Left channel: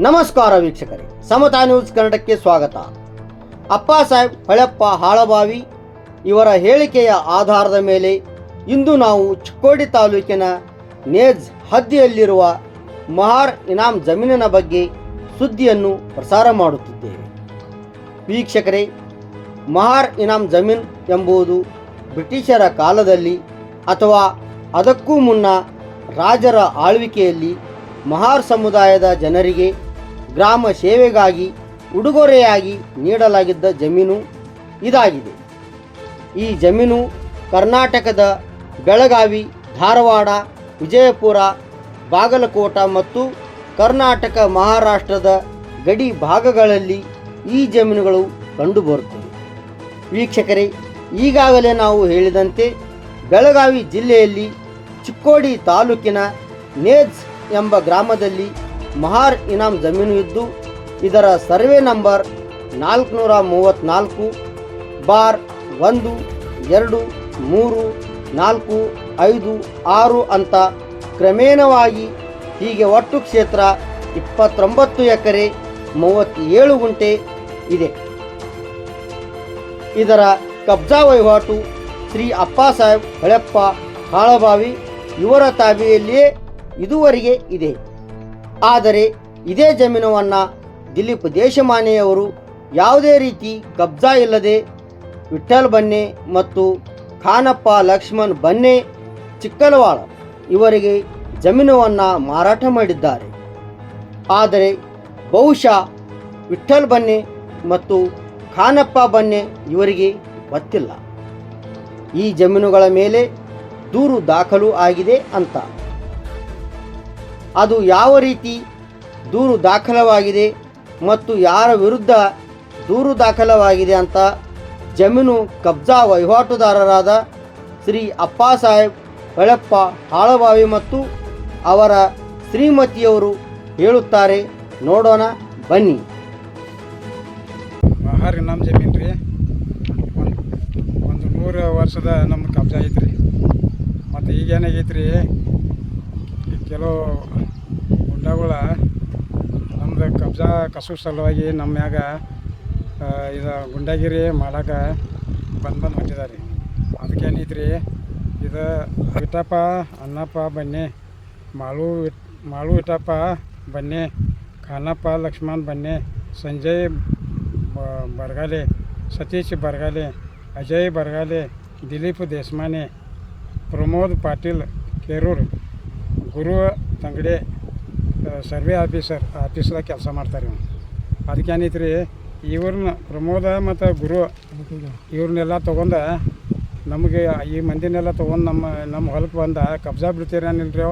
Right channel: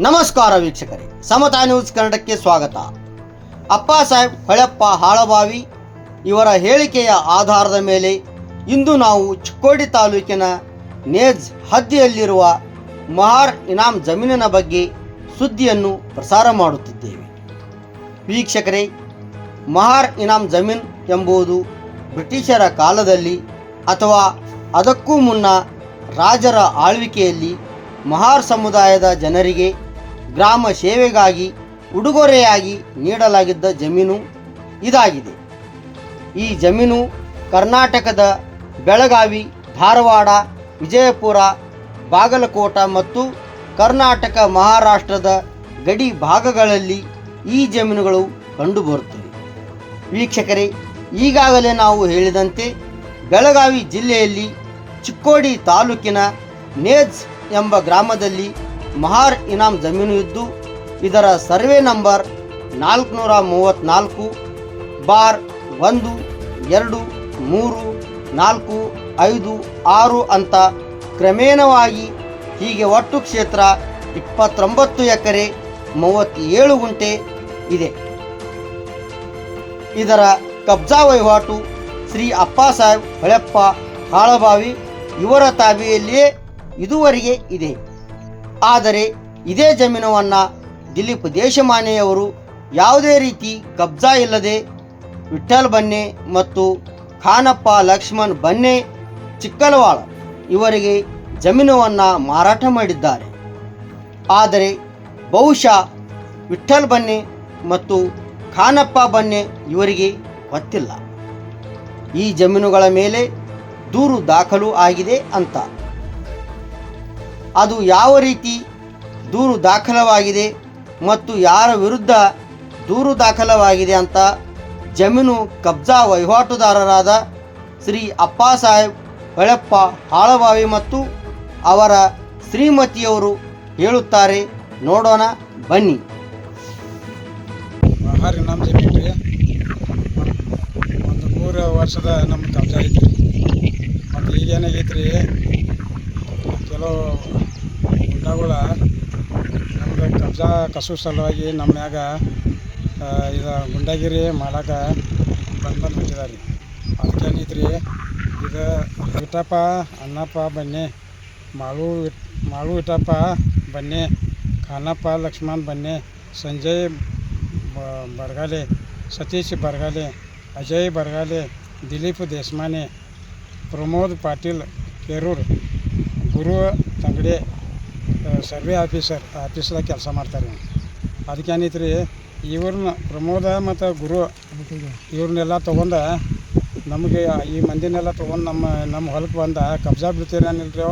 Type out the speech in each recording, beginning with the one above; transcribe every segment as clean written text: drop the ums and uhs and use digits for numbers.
ನಮಸ್ಕಾರ ವೀಕ್ಷಕರೇ, ಸಮತಾ ನ್ಯೂಸ್ ಕನ್ನಡಕ್ಕೆ ಸ್ವಾಗತ. ಅಪ್ಪಾಸಾಹೇಬ್ ಹೊಳೆಪ್ಪ ಹಾಳಬಾವಿ ಇವರ ಹೇಳಿಕೆಯ ಆಧಾರದ ಮೇಲೆ ಇಂದು ನಾವು ಚಿಕ್ಕೋಡಿ ತಾಲೂಕಿನ ನೇಜ್ ಹದ್ದಿಯಲ್ಲಿರುವ ಮಹಾರ್ ಇನಾಮ್ ಜಮೀನಿನ ಬಗ್ಗೆ ಸುದ್ದಿಯನ್ನು ಪ್ರಸಾರ ಮಾಡುತ್ತಿದ್ದೇವೆ. ವೀಕ್ಷಕರೇ, ಮಹಾರ್ ಇನಾಮ್ ಜಮೀನ್ ಎಂಬುದು ಬ್ರಿಟಿಷರ ಕಾಲದಲ್ಲಿ ಅಥವಾ ಅದಕ್ಕೂ ಮುನ್ನ ರಾಜರ ಆಳ್ವಿಕೆಯಲ್ಲಿ ಮಹಾರ್ ಸಮುದಾಯದ ಜನರಿಗೆ ಗ್ರಾಮ ಸೇವೆಗಾಗಿ ಉಡುಗೊರೆಯಾಗಿ ನೀಡಲಾಗಿದ್ದ ಜಮೀನು ಇದಾಗಿದೆ. ಈ ಜಮೀನು ಕರ್ನಾಟಕದ ಬೆಳಗಾವಿ, ಧಾರವಾಡ, ವಿಜಯಪುರ, ಬಾಗಲಕೋಟ ಮತ್ತು ಕರ್ನಾಟಕ ಮಹಾರಾಷ್ಟ್ರದ ಗಡಿ ಭಾಗಗಳಲ್ಲಿ ಈ ಜಮೀನುಗಳು ಕಂಡುಬರುತ್ತವೆ. ವೀಕ್ಷಕರೇ, ಈಗಾಗಲೇ ನಾವು ಹೇಳಿದಂತೆ ಬೆಳಗಾವಿ ಜಿಲ್ಲೆಯಲ್ಲಿ ಚಿಕ್ಕೋಡಿ ತಾಲೂಕಿನ ನೇಜ್ ಎಂಬ ಗ್ರಾಮದಲ್ಲಿ ಮಹಾರ್ ಇನಾಮ್ ಜಮೀನು ಇದ್ದು, ಇದರ ಸರ್ವೆ ನಂಬರ್ 434-1-2-3-4-5-6 ಅಂತ ಕ್ರಮೇಣವಾಗಿ ಹೀಗೆ ಒಟ್ಟು ಕ್ಷೇತ್ರ 29 ಎಕರೆ 37 ಗುಂಟೆ ಇದೆ. ಇದರ ಕಬ್ಜಾ ವಹಿವಾಟು ಶ್ರೀ ಅಪ್ಪಾಸಾಹೇಬ್ ಹೊಳೆಪ್ಪ ಹಾಳಬಾವಿ ಇವರ ತಾಬೆಯಲ್ಲಿಯೇ ಇದುವರೆಗೆ ಇದೆ. ಆದರೆ ಇದೇ ಜಮೀನನ್ನು ದಿಲೀಪ್ ದೇಶಮಾನೆಯವರು ಯಾವುದೇ ರೀತಿ ಕಬ್ಜಾ ಇಲ್ಲದೆ ವಿಠ್ಠಲ್ ಬನ್ನೆ ಮತ್ತು ಖಾನಪ್ಪ ಲಕ್ಷ್ಮಣ್ ಬನ್ನೆ ಚಿಕ್ಕಲವಾಳ ಇವರಿಗೆ ಜಮೀನನ್ನು ಮಾರಾಟ ಮಾಡಿದ್ದಾರೆ. ಆದರೆ ಬಹುಶಃ ವಿಠ್ಠಲ್ ಬನ್ನೆ ಮತ್ತು ಖಾನಪ್ಪ ಬನ್ನೆ ಇವರಿಗೆ ಗೊತ್ತಿಲ್ಲ ಈ ಜಮೀನುಗಳ ಮೇಲೆ ದೂರು ದಾಖಲು ಆಗಿದೆ ಅಂತ. ಅದು ಯಾವ ರೀತಿ ದೂರು ದಾಖಲವಾಗಿದೆ ಮತ್ತು ಯಾರ ವಿರುದ್ಧ ದೂರು ದಾಖಲವಾಗಿದೆ ಅಂತ ಜಮೀನು ಕಬ್ಜಾ ವಹಿವಾಟುದಾರರಾದ ಶ್ರೀ ಅಪ್ಪಾಸಾಹೇಬ್ ಹೊಳೆಪ್ಪ ಹಾಳಬಾವಿ ಮತ್ತು ಅವರ ಶ್ರೀಮತಿಯವರು ಹೇಳುತ್ತಾರೆ. ನೋಡೋಣ ಬನ್ನಿ. ಮಹಾರ್ ಇನಾಮ್ ಜಮೀನು ರೀ, ಒಂದು 3 ವರ್ಷದ ನಮ್ಮ ಕಬ್ಜಾ ಐತ್ರಿ. ಮತ್ತು ಈಗೇನಾಗೈತ್ರಿ, ಕೆಲವು ಗುಂಡಾಗಳ ನಮ್ದು ಕಬ್ಜಾ ಕಸು ಸಲುವಾಗಿ ನಮ್ಮ ಮ್ಯಾಗ ಇದು ಗುಂಡಾಗಿರಿ ಮಾಡಕ್ಕೆ ಬಂದು ಹೊಂಟಿದ್ದಾರೆ. ಅದಕ್ಕೇನೈತ್ರಿ, ಇದು ವಿಠಪ್ಪ ಅನ್ನಪ್ಪ ಬನ್ನಿ, ಮಾಳು ವಿಠಪ್ಪ ಬನ್ನಿ, ಖಾನಪ್ಪ ಲಕ್ಷ್ಮಣ್ ಬನ್ನಿ, ಸಂಜಯ್ ಬರಗಾಲೆ, ಸತೀಶ್ ಬರಗಾಲೆ, ಅಜಯ್ ಬರಗಾಲೆ, ದಿಲೀಪ್ ದೇಶಮಾನೆ, ಪ್ರಮೋದ್ ಪಾಟೀಲ್ ಕೇರೂರ್, ಗುರು ತಂಗಡೆ ಸರ್ವೆ ಆಫೀಸ್ದಾಗ ಕೆಲಸ ಮಾಡ್ತಾರೆ. ಅದಕ್ಕೇನೈತ್ರಿ, ಇವ್ರನ್ನ ಪ್ರಮೋದ ಮತ್ತು ಗುರು ಇವ್ರನ್ನೆಲ್ಲ ತೊಗೊಂಡು ನಮಗೆ ಈ ಮಂದಿನೆಲ್ಲ ತೊಗೊಂಡು ನಮ್ಮ ಹೊಲಕ್ಕೆ ಬಂದ ಕಬ್ಜಾ ಬಿಡ್ತೀರಿ ಏನಿಲ್ರಿ,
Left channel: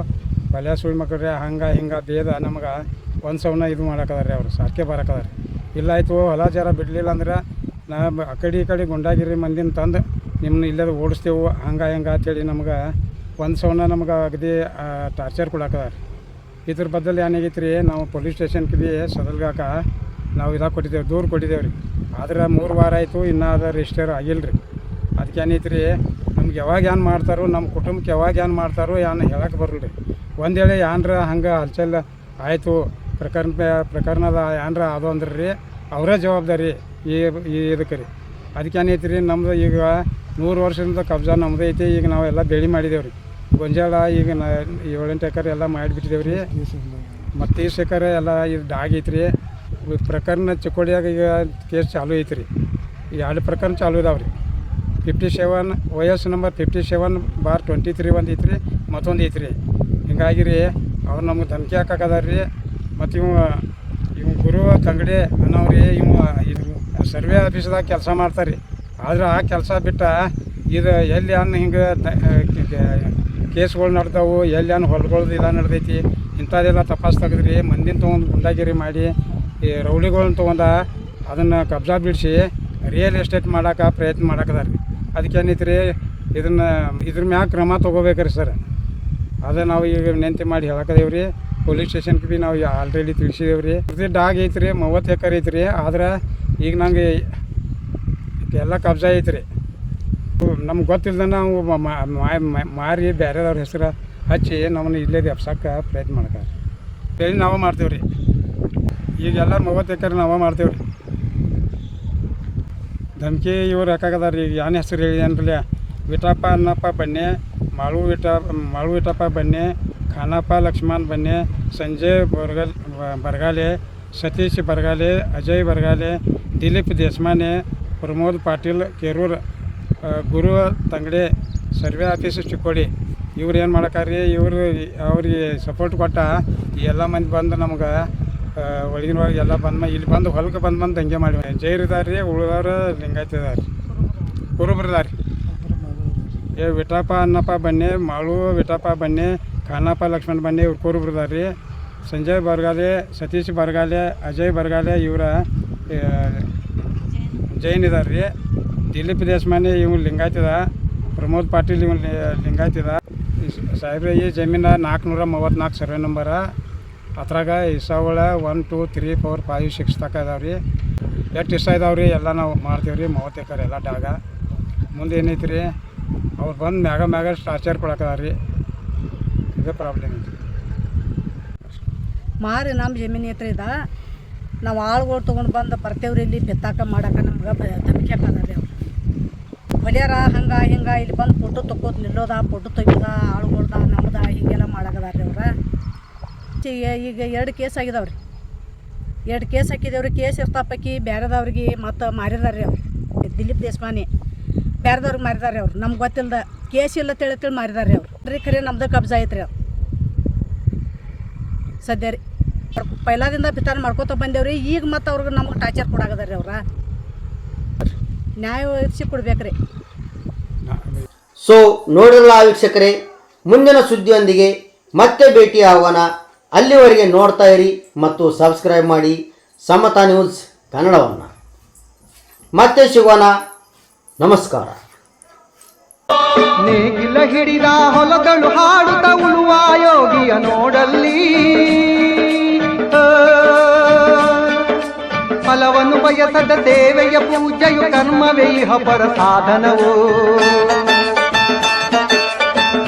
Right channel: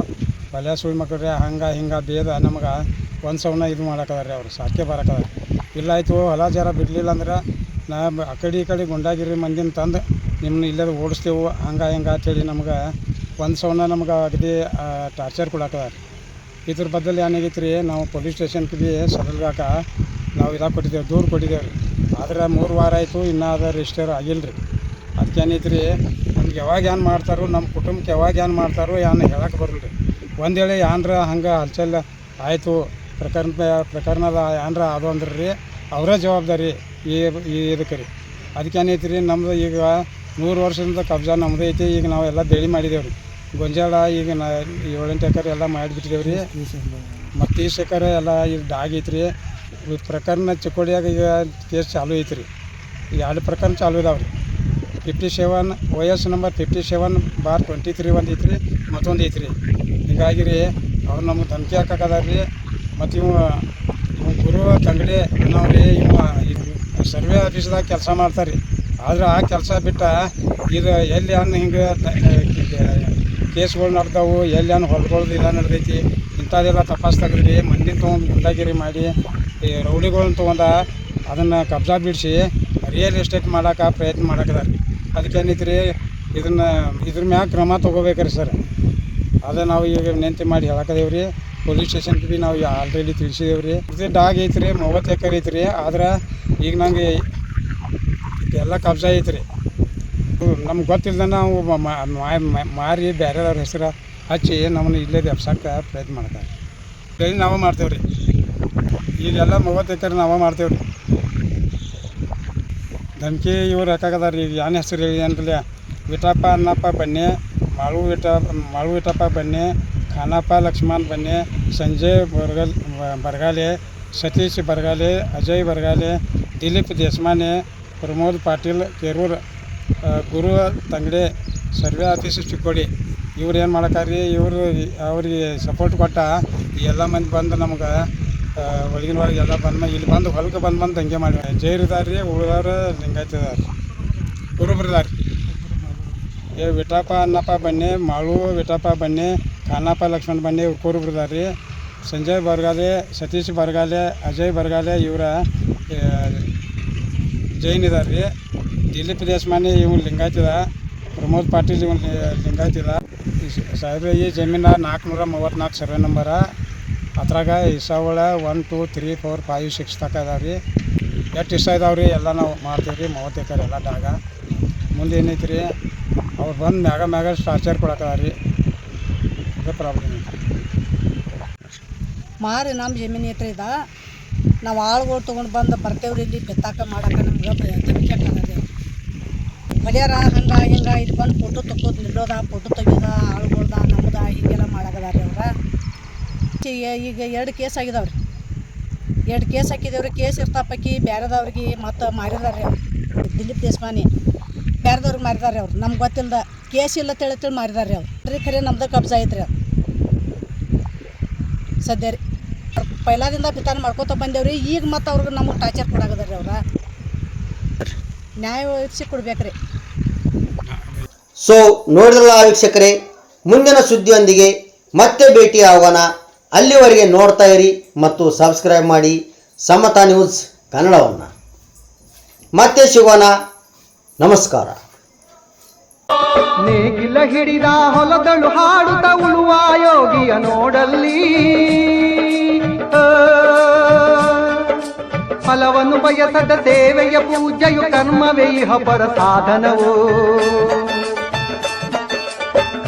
ಬಲ್ಯ ಸುಳಿ ಮಕ್ಕಳ್ರಿ ಹಿಂಗೆ ಬೇದ ನಮಗೆ ಒಂದು ಸವನ ಇದು ಮಾಡಕ್ಕದಾರೆ. ಅವ್ರು ಸಾಕೆ ಬರಕ್ಕದಾರೆ. ಇಲ್ಲ ಆಯಿತು ಹೊಲ ಜರ ಬಿಡಲಿಲ್ಲ ಅಂದ್ರೆ ನಾ ಆ ಕಡೆ ಗುಂಡಾಗಿರಿ ಮಂದಿನ ತಂದು ನಿಮ್ಮನ್ನ ಇಲ್ಲದ ಓಡಿಸ್ತೇವೆ ಹಂಗೆ ಅಂತೇಳಿ ನಮ್ಗೆ ಒಂದು ಸವನ ನಮ್ಗೆ ಅಗದಿ ಟಾರ್ಚರ್ ಕೊಡಕ್ಕದಾರೆ. ಇದ್ರ ಬದಲು ಏನಾಗೈತೆ ರೀ, ನಾವು ಪೊಲೀಸ್ ಸ್ಟೇಷನ್ಗೆ ಭೀ ಸದಲ್ಗಾಕ ನಾವು ಕೊಟ್ಟಿದ್ದೇವೆ, ದೂರು ಕೊಟ್ಟಿದ್ದೇವೆ ರೀ. ಆದ್ರೆ 3 ವಾರ ಆಯಿತು, ಇನ್ನೂ ಅದು ರಿಜಿಸ್ಟರ್ ಆಗಿಲ್ಲ ರೀ. ಅದಕ್ಕೇನೈತೆ ರೀ, ನಮ್ಗೆ ಯಾವಾಗ ಏನು ಮಾಡ್ತಾರೋ, ನಮ್ಮ ಕುಟುಂಬಕ್ಕೆ ಯಾವಾಗ ಏನು ಮಾಡ್ತಾರೋ ಹೇಳಕ್ಕೆ ಬರಲ್ಲ ರೀ. ಒಂದು ವೇಳೆ ಏನರ ಹಂಗೆ ಹಲ್ಚಲ್ ಆಯಿತು, ಪ್ರಕರಣದ ಏನರ ಅದು ಅಂದ್ರೆ ರೀ ಅವರೇ ಜವಾಬ್ದಾರಿ ಇದಕ್ಕೆ ರೀ. ಅದಕ್ಕೇನೈತೆ ರೀ, ನಮ್ದು ಈಗ 100 ವರ್ಷದಿಂದ ಕಬ್ಜಾ ನಮ್ಮದು ಐತಿ. ಈಗ ನಾವೆಲ್ಲ ಬೆಳೆ ಮಾಡಿದ್ದೇವೆ ರೀ. ಗೊಂಜಾಳ ಈಗ 7-8 ಎಕರೆ ಎಲ್ಲ ಮಾಡಿಬಿಟ್ಟಿದ್ದೇವೆ ರೀ. ಮತ್ತು 30 ಎಕರೆ ಎಲ್ಲ ಇದು ಡಾಗ್ ಐತ್ರಿ. ಪ್ರಕರಣ ಚಿಕ್ಕೋಡಿಯಾಗ ಈಗ ಕೇಸ್ ಚಾಲು ಐತ್ರಿ. 2 ಪ್ರಕರಣ ಚಾಲು ಇದಾವೆ ರೀ. 57 OS ನಂಬರ್ 57/23 ಒಂದು ಐತ್ರಿ, ಮತ್ತೊಂದು ಐತ್ರಿ. ಹಿಂಗಾಗಿ ರೀ ಅವ್ರು ನಮ್ಗೆ ಧಮಕಿ ಹಾಕಕ್ಕದಾರ ರೀ. ಮತ್ತು ಇವ ಗುರು ತಂಗಡಿ ಅನ್ನೋರಿ ಇವ ಸರ್ವೆ ಆಫೀಸ್ದಾಗ ಕೆಲಸ ಮಾಡ್ತಾರೆ ರೀ. ಆದ್ರೆ ಆ ಕೆಲಸ ಬಿಟ್ಟು ಇದು ಎಲ್ಲಿ ಹಿಂಗೆ ಕೇಸ್ಗಳು ನಡ್ತಾವು, ಎಲ್ಲಿ ಹೊಲಗಳದ್ದು ಇಲ್ಲ ನಡೆದೈತಿ, ಇಂಥದ್ದೆಲ್ಲ ತಪಾಸ್ ತೆಗೆದ್ರಿ. ಮಂದಿನ ತೊಗೊಂಡು ಗುಂಡಾಗಿರಿ ಮಾಡಿ ಈ ರೌಡಿಗಳನ್ನ ತೊಗೊಂಡು ಅದನ್ನು ಕಬ್ಜಾ ಬಿಡಿಸಿ ರಿಯಲ್ ಎಸ್ಟೇಟ್ ಮಾಡೋಕೆ ಪ್ರಯತ್ನ ಮಾಡಕ್ಕದಾರ ರೀ. ಅದಕ್ಕೇನೈತಿ ರೀ, ಇದ್ರ ಮ್ಯಾಗ ಕ್ರಮ ತೊಗೋಬೇಕ್ರಿ ಸರ್. ಅದೇ ನಾವು ಈಗ ವಿನಂತಿ ಮಾಡಿ ಹೇಳಕ್ಕದೇವ್ರಿ ರೀ. ಪೊಲೀಸ್ ಸ್ಟೇಷನ್ಗೆ ಭೀ ನಾವು ಆಲ್ರೆಡಿ ತಿಳಿಸಿದೇವೆ ರೀ. ಇದು ಡಾಗ್ ಐತ್ರಿ, 30 ಎಕರೆ ಐತ್ರಿ. ಆದ್ರೆ ಈಗ ನಂಗೆ ಎಲ್ಲ ಕಬ್ಜಾ ಐತ್ರಿ. ನಮ್ಗೆ ಗೊತ್ತಿಲ್ಲದ ನಾವು ಮಾರಿ ಬೇರೆದವ್ರ ಹೆಸರು ಹಚ್ಚಿ ನಮ್ಮನ್ನು ಇಲ್ಲೇ ಎಬ್ಸಕ್ಕೆ ಪ್ರಯತ್ನ ಮಾಡ್ತಾರೆ. ಬೆಳೆ ನಾವು ಮಾಡ್ತೇವೆ ರೀ. ಈಗೆಲ್ಲ 30 ಎಕರೆ ನಾವೇ ಮಾಡ್ತೇವೆ ರೀ. ಧಮ್ಕಿ ಇವ್ರು ಹಾಕಾಗದಾರ ರೀ. ಈಗ ಏನು ಹೆಸರು ಹೇಳಿ ಅನ್ರಲ್ಲ, ವಿಠಪ್ಪ ಅನ್ನಪ್ಪ ಬನ್ನೆ, ಮಾಳು ವಿಠಪ್ಪ ಬನ್ನೆ, ಖಾನಪ್ಪ ಲಕ್ಷ್ಮಣ್ ಬನ್ನೆ, ಸಂಜಯ್ ಬರಗಾಲೆ, ಸತೀಶ್ ಬರಗಾಲೆ, ಅಜಯ್ ಬರಗಾಲೆ, ದಿಲೀಪ್ ದೇಶಮಾನೆ, ಪ್ರಮೋದ್ ಪಾಟೀಲ್ ಕೇರೂರ್, ಗುರು ತಂಗಡೆ, ಸರ್ವೆ ಆಫೀಸ್ ಚಿಕ್ಕೋಡಿ. ಇವ್ರು ಏನು ಮಾಡಕ್ಕಾರ್ರಿ, ಇವರು ಅವ್ರಿಗೆ ಸಪೋರ್ಟ್ ಕೊಟ್ಟ ಎಲ್ಲ ಮಂದಿ ಬಂದು ನಮ್ಗೆ ಒಳಗಿನ ಒಳಗೆ ಎಲ್ಲ ಬಂದು ಇಲ್ಲಿ ಬಂದು ಹೊಲಕ್ಕೆ ಬಂದು ಹಂಗೆ ಮಾಡಿ ಜೈರು ಇದಾರೆ ರೀ. ಉಳಿದವ್ರು ಲಿಂಗಾಯತ ಇದಾರೆ, ಕುರುಬ್ರು ಇದಾರೆ. ವಿಠಪ್ಪ ಅನ್ನಪ್ಪ ಬನ್ನೆ, ಮಾಳು ವಿಠಪ್ಪ ಬನ್ನೆ, ಖಾನಪ್ಪ ಲಕ್ಷ್ಮಣ್ ಬನ್ನೆ, ಇವ್ರು ಕುರುಬ್ರು ಇದಾರೆ ರೀ. ಸಂಜಯ್ ಬರಗಾಲೆ, ಸತೀಶ್ ಬರಗಾಲೆ, ಅಜಯ್ ಬರಗಾಲೆ ಇವರ ಜೈನ್ ಇದಾರೆ ರೀ. ದಿಲೀಪ್ ದೇಶಮಾನೆ ಇವ್ನು ಲಿಂಗಾಯತದ, ಪ್ರಮೋದ್ ಪಾಟೀಲ್ ಇವನು ಲಿಂಗಾಯತದ. ಸಾಹೇಬ್ರೆ ಈ ಜಮೀನು 434 ಸರ್ವೆ ನಂಬರ. ಅದ್ರಾಗ ಇಸಾವಳ 1 2 3 4 5 6 ತನಕ ಇದಾವೆ ರೀ. ಎಷ್ಟು ಇಷ್ಟ ಇದಾವೆ ರೀ ಎಲ್ಲ ನಾವು ಮಾಡ್ತೀವಿ ರೀ. 30 ಎಕರೆ ಎಲ್ಲ ಡಾಗ. ಮುಂದೆ ಏನೈತಿ ರೀ, ಅವ್ರು ಬಂದು ಮ್ಯಾಗ ಟಾರ್ಚರ್ ಕೊಡಕ್ಕದ ರೀ. ಇದೇ ಪ್ರಾಬ್ಲಮ್ ಐತಿ ಮಾರಿ. ನಮ್ಮ ಜಮೀನು ಐತ್ರಿ ಇದ. ನಾವು ಆಳುಗಳು ತೊಗೊಂಡು ಬಂದು ಬರ್ತೇವ್ರಿ ಇಲ್ಲಿ ಬೆತ್ತಾಕ ಮಾಡಕ್ಕೆ. ನಮ್ಗೆ ಧಮಕಿ ಹಾಕದ ಹೊಲಿಯಾರ ಹಂಗೆ ಹಿಂಗೆ ಇಲ್ಲಿ ಬಂದು ಫೋಟೋ ತಕ್ಕೋದು ನಿಲ್ಲೋದ, ಫೋಟೋ ತೆಗಿಯೋದ, ಆಳುಗಳ್ದ ನಮ್ದ ಹೀಗೆಲ್ಲ ಮಾಡಕದಾರ ರೀ ಅವ್ರ. ಈಗ 2 ಕೇಸ್ ಆಗಿದಾವ್ರಿ. 2 ಕೇಸ್ ಹಾಕಿದೇವ್ರಿ. ಕೇಸ್ ಇರ್ತಾಪಕ್ಕಿ ಬೇರೆದವ್ರಿಗೆ ಮತ್ತು ಮಾರಿದಾರೆ ರೀ ಅವ್ರು. ದಿಲೀಪ್ ದೇಶಮಾನೆ ಬೇರೆದವ್ರಿಗೆ ಮಾರಿದಾರೆ ಅವ್ರು. ನಮ್ಗೆ ಗೊತ್ತಿಲ್ಲದ ಕೇಸ್ ಇಲ್ಲ ತಿಳಿ ಮಾರಿದಾರೆ ಅವ್ರು ರೀ. ಖರೆ ನಮ್ದು ಕಬ್ಜಾ ಐತ್ರಿ ಅವ್ರು ಸದ್ಯ ರೀ. ಅವ್ರು ಪೈಲಾದಿಂದ ಬಿತ್ತಾನ ಮಾಡ್ಕೋತ ಬಂದೇವ್ರಿ. ಈಗ ಮತ್ತು ಅವ್ರಿಗೆ ನಮಗೆ ಟಾರ್ಚರ್ ಕೊಡಾಕದಾರ ರೀ ಅವ್ರ. ನ್ಯಾಯ ಒದಗಿಸಿ ಕೊಡ್ಬೇಕ್ರಿ. ಸೊ ನೋಡಿರಲ್ಲ ವೀಕ್ಷಕರೇ, ಮುಂದಿನ ಸುದ್ದಿಯೊಂದಿಗೆ ಮತ್ತೆ ಭೇಟಿ ಆಗೋಣ. ಅಲ್ಲಿವರೆಗೆ ನೋಡ್ತಾ ಇರಿ ಮತ್ತು ಸಬ್ಸ್ಕ್ರೈಬ್ ಮಾಡಿ ಸಮತಾ ನ್ಯೂಸ್ ಕನ್ನಡವನ್ನು. ಮತ್ತೆ ಸಿಗೋಣ. ನಮಸ್ಕಾರ. ನೇಗಿಲ ಹಿಡಿದ ಹೊಲದಳು ಹಾಡುತ್ತ ಉಳುವ ಯೋಗಿಯ ನೋಡಲ್ಲಿ, ಫಲವನ್ನು ಬಯಸದ ಸೇವೆಯ ಪೂಜೆಯು ಕರ್ಮವೇ ಇಹ ಪರ ಸಾಧನವು.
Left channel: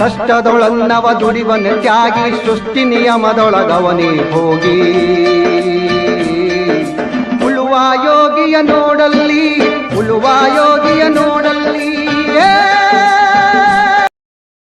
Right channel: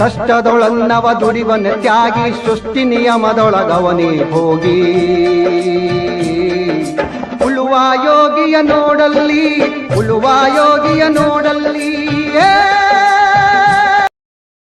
ಕಷ್ಟದೊಳನ್ನವ ದುಡಿವನ ತ್ಯಾಗಿ, ಸೃಷ್ಟಿ ನಿಯಮದೊಳಗವನೇ ಹೋಗಿ. ಉಳುವ ಯೋಗಿಯ ನೋಡಲ್ಲಿ, ಉಳುವ ಯೋಗಿಯ ನೋಡಲ್ಲಿ